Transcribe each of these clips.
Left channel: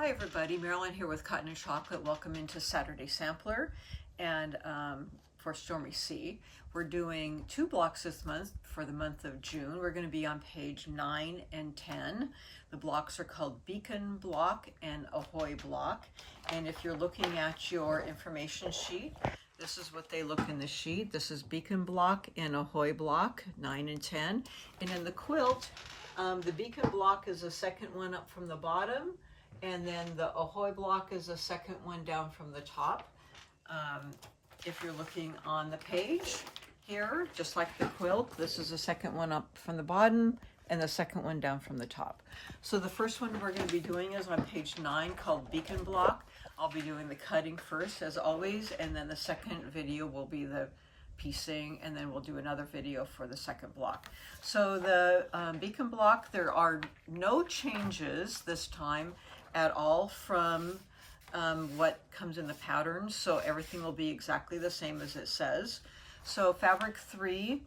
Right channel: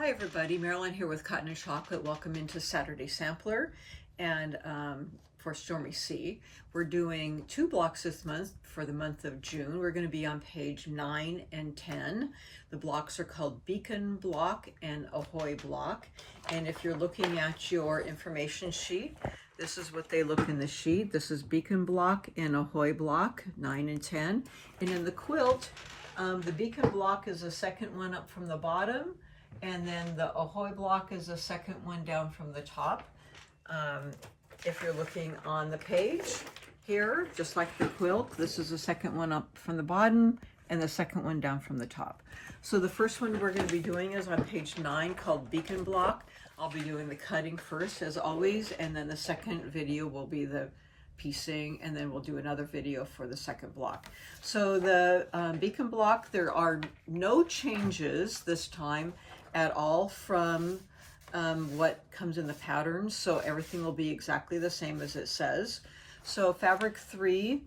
Hi everybody, Marilyn here with Cotton and Chocolate. Welcome into Saturday Sampler. And for Stormy C, we're doing 2 blocks this month for the month of June. We're going to be on page 9 and 10. The blocks are called Beacon Block and Ahoy Block. And if you're looking at your information sheet, this is what they look in the sheet. This is Beacon Block and Ahoy Block, 9 and 10. And in the quilt, the Beacon Block is the second one up from the bottom. And then the Ahoy Block is the second one down from the top. If you're looking on the page here, just like the quilt, this is the second one up from the bottom and the second one down from the top. So the first one we're going to be doing is on page 9 called Beacon Block. I'll be doing the cutting first as always, and then the second video will be the piecing, and then we'll do another video for the second block. So the Beacon Block, there are no changes this time at all from what comes in the patterns, so everything will be exactly the same as it says. So fabric 3,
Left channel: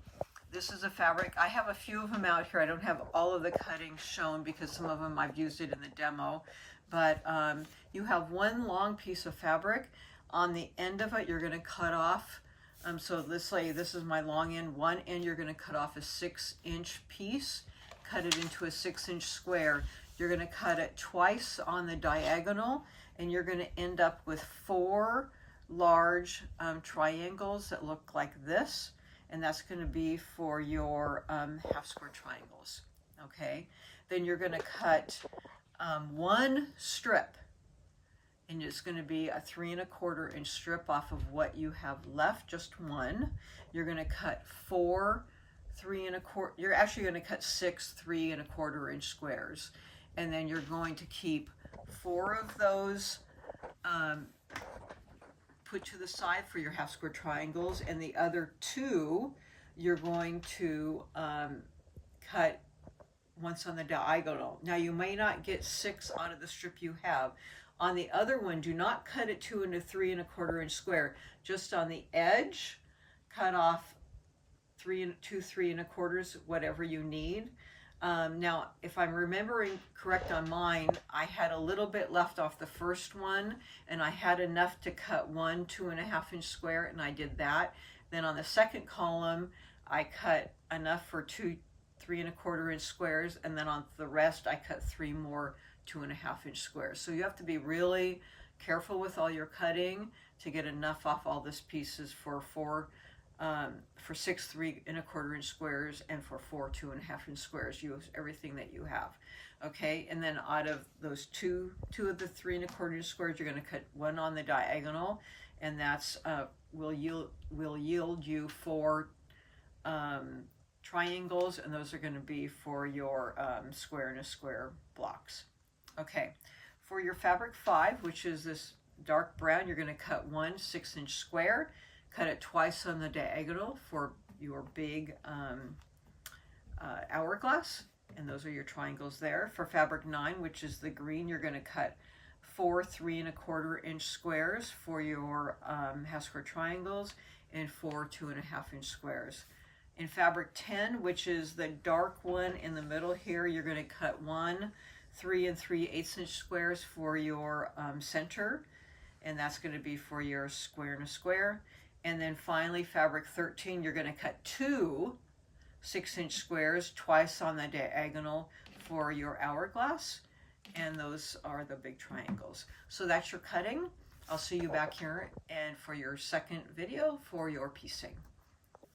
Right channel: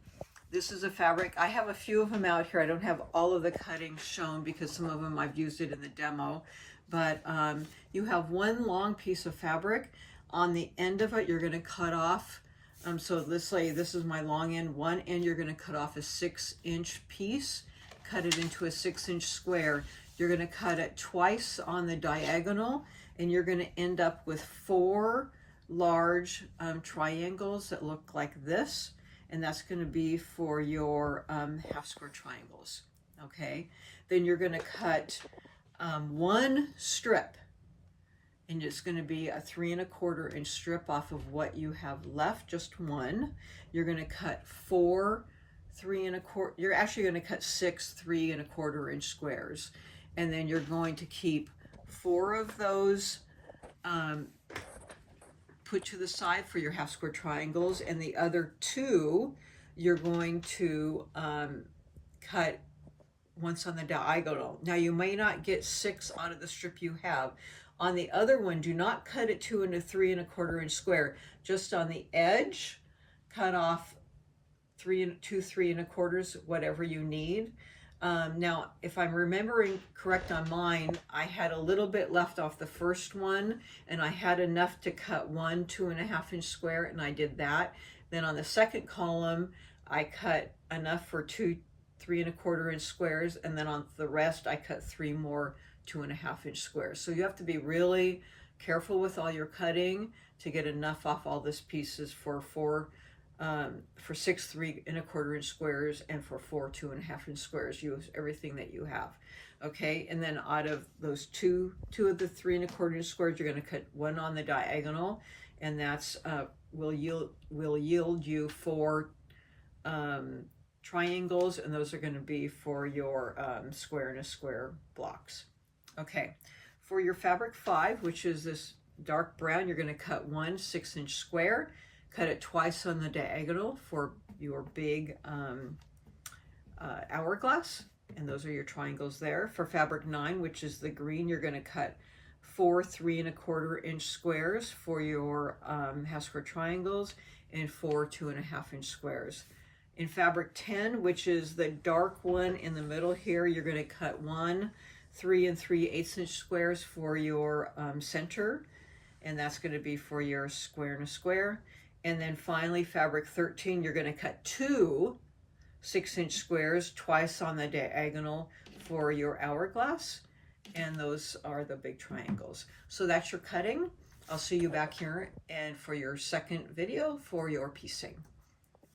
this is a fabric, I have a few of them out here. I don't have all of the cuttings shown because some of them I've used it in the demo, but you have one long piece of fabric. On the end of it, you're going to cut off, so this is my long end. One end you're going to cut off a 6-inch piece, cut it into a 6-inch square. You're going to cut it twice on the diagonal, and you're going to end up with 4 large triangles that look like this, and that's going to be for your half square triangles. Okay, then you're going to cut one strip, and it's going to be a 3 1/4 inch strip off of what you have left, just one. You're going to cut 4 3 1/4. You're actually going to cut 6 3 1/4 inch squares, and then you're going to keep 4 of those put to the side for your half square triangles, and the other 2 you're going to cut once on the diagonal. Now you may not get 6 out of the strip you have. On the other one, do not cut it 2 into 3 1/4 inch square. Just on the edge, cut off 2 3 1/4, whatever you need. Now, if I'm remembering correct on mine, I had a little bit left off the first one, and I had enough to cut 1 2 1/2 inch square, and I did that. Then on the second column, I cut enough for 2 3 1/4 inch squares, and then on the rest, I cut 3 more 2 1/2 inch squares. So you have to be really careful with all your cutting to get enough off all these pieces for 6 3 1/4 inch squares and for 4 2 1/2 inch squares. Use everything that you have. Okay, and then out of those two of the 3 1/4 inch squares, you're going to cut 1 on the diagonal, and that's will yield you 4 triangles, and those are going to be for your square and a square blocks. Okay, for your fabric 5, which is this dark brown, you're going to cut 1 6-inch square, cut it twice on the diagonal for your big hourglass, and those are your triangles there. For fabric 9, which is the green, you're going to cut 4 3 1/4 inch squares for your half square triangles and 4 2 1/2 inch squares. In fabric 10, which is the dark one in the middle here, you're going to cut 1 3 3/8 inch squares for your center, and that's going to be for your square and a square. And then finally, fabric 13, you're going to cut 2 6-inch squares twice on the diagonal for your hourglass, and those are the big triangles. So that's your cutting. I'll see you back here and for your second video for your piecing.